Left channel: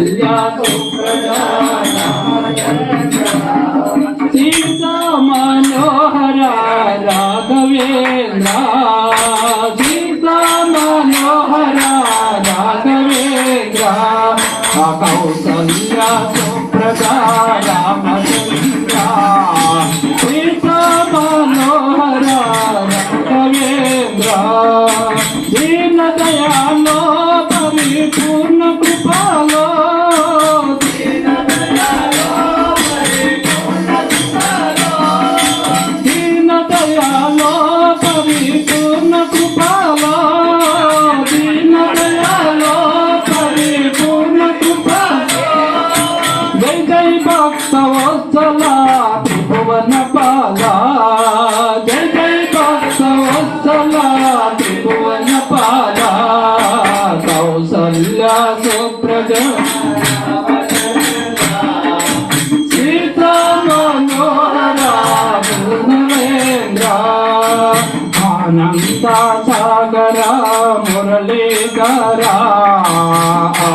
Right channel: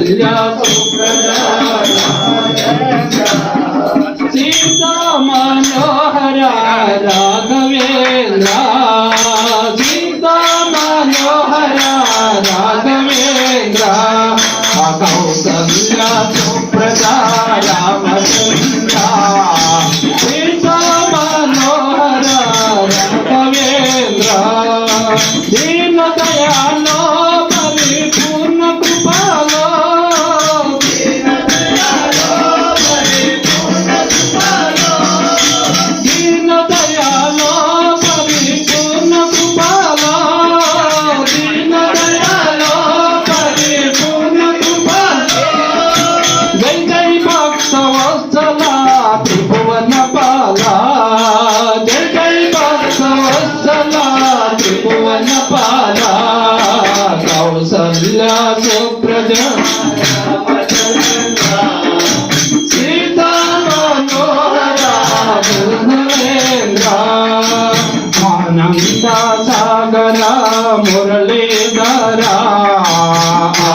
కౌసల్యా సుప్రజా సీతా మనోహర రాఘవేంద్ర సీతా మనోహర రాఘవేంద్ర కౌసల్యా సుప్రజా రామచంద్ర సీతా మనోహర రాఘవేంద్ర దీన దయాలో పరిపూర్ణ కృపలో దీన దయాలో పరిపూర్ణ కృపలో దీన దయాలో పరిపూర్ణ కృపలో జై జై భక్త వత్సల త్రిభువన పాల జై జై భక్త వత్సల త్రిభువన పాల కౌసల్యా సుప్రజా సీతా మనోహర రాఘవేంద్ర ఆనంద సాగర మురళీధర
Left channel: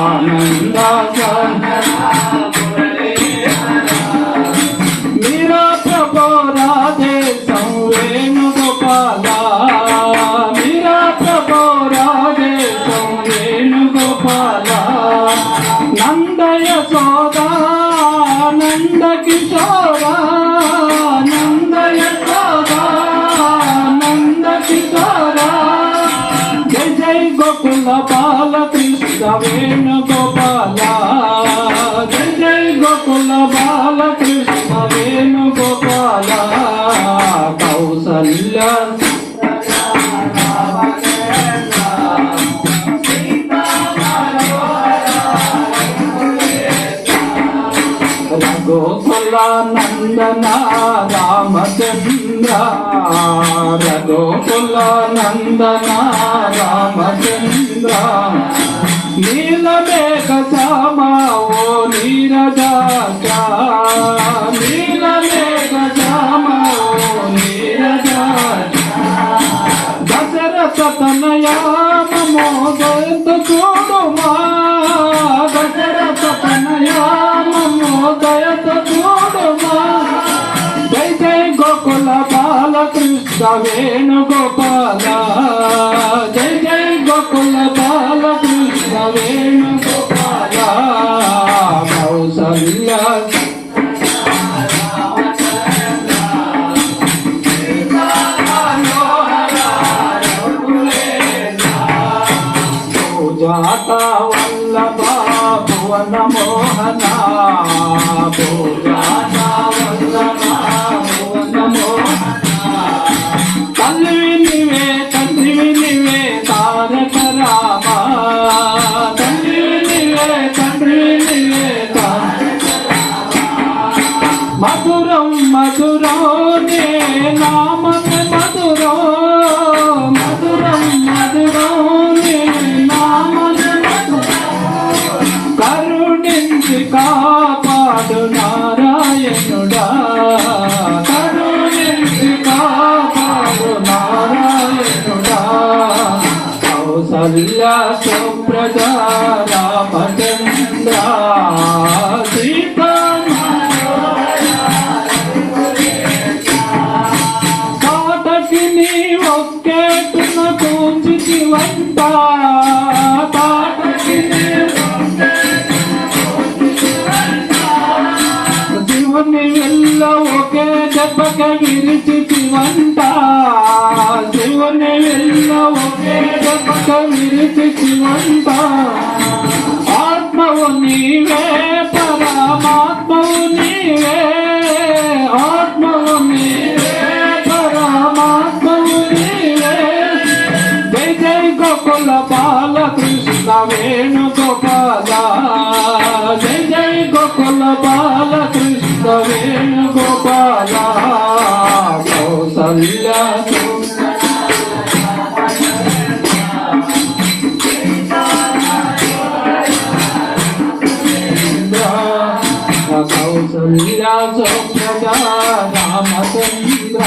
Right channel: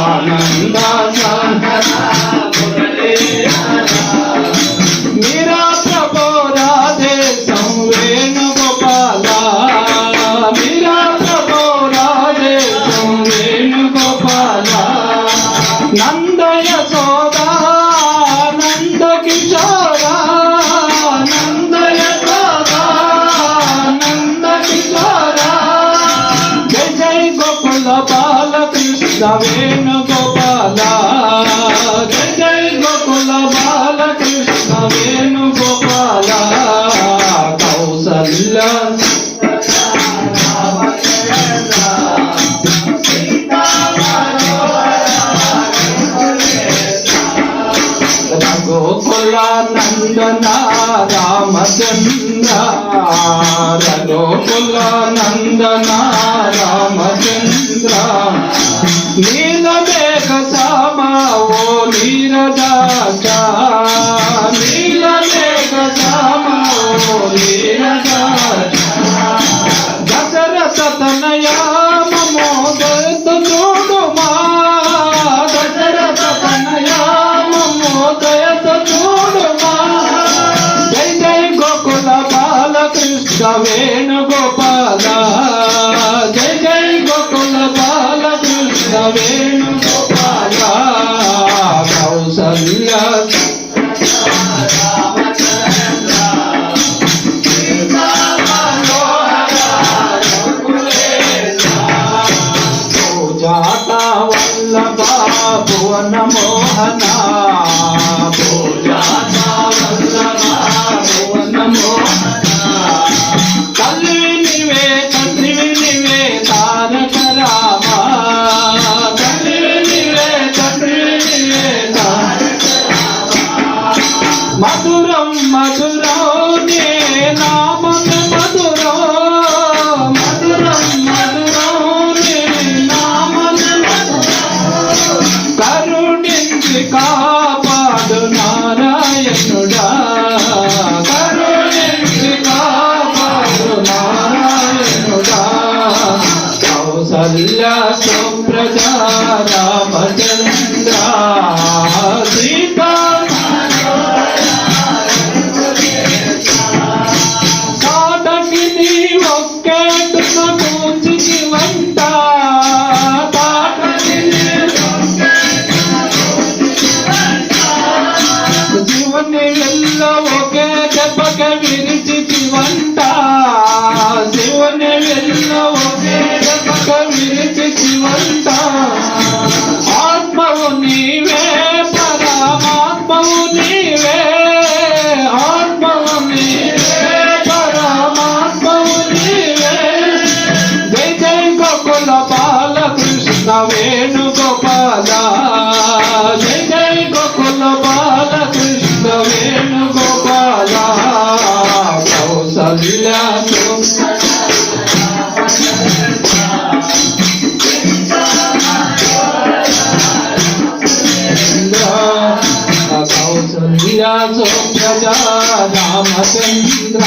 ఆనంద సాగర మీరా ప్రభో రాధే సంవేణుగోపాల మీరా ప్రభో రాధే సంవేణుగోపాల నంద యశోదా నంద కిశోర నంద యశోదా నంద కిశోర జై జై గోకుల బాలకృష్ణ వేణుగోపాల జై జై గోకుల బాలకృష్ణ వేణుగోపాల కౌసల్యా రఘుకుల నందన రామచంద్ర రఘుకుల నందన రామచంద్ర నీలమేఘ శ్యామ ఓ నీరజాక్ష నీలమేఘ శ్యామ ఓ నీరజాక్ష దశరథ తనయా మమో దయత చూడుమా దశరథ తనయా మమో దయత చూడుమా జై జై గోకుల బాలకృష్ణ వేణుగోపాల జై జై గోకుల బాలకృష్ణ వేణుగోపాల కౌసల్యా పూజాత వల్లభ భువన మోహన పూజాత వల్లభ భువన మోహన తల్లివి నీవే తండ్రివి నీవే తారక రామ తల్లివి నీవే తండ్రివి నీవే తారక రామ మధురం మధురం నే నామమే మధురం మధురం మధురం నే నామమే మధురం కరుణించి కాపాడు నారాయణుడా కరుణించి కాపాడు నారాయణుడా కౌసల్యా సుప్రజా రామచంద్ర సీతా కాటకి నీ ఒక్కేటున కూర్చి వంట కాటకి నీ శివుని వెళ్ళ ఒకే దెబ్బకి విరిచి వంట శివుని వెళ్ళ ఒకే దెబ్బకి విరిచి వంట ఆత్మవు నీవే పరమాత్మవు నీవే ఆత్మవు నీవే పరమాత్మవు నీవే జై జై గోకుల బాలకృష్ణ వేణుగోపాల జై జై గోకుల బాలకృష్ణ వేణుగోపాల కౌసల్యా కౌసల్యా సుప్రజా రామచంద్ర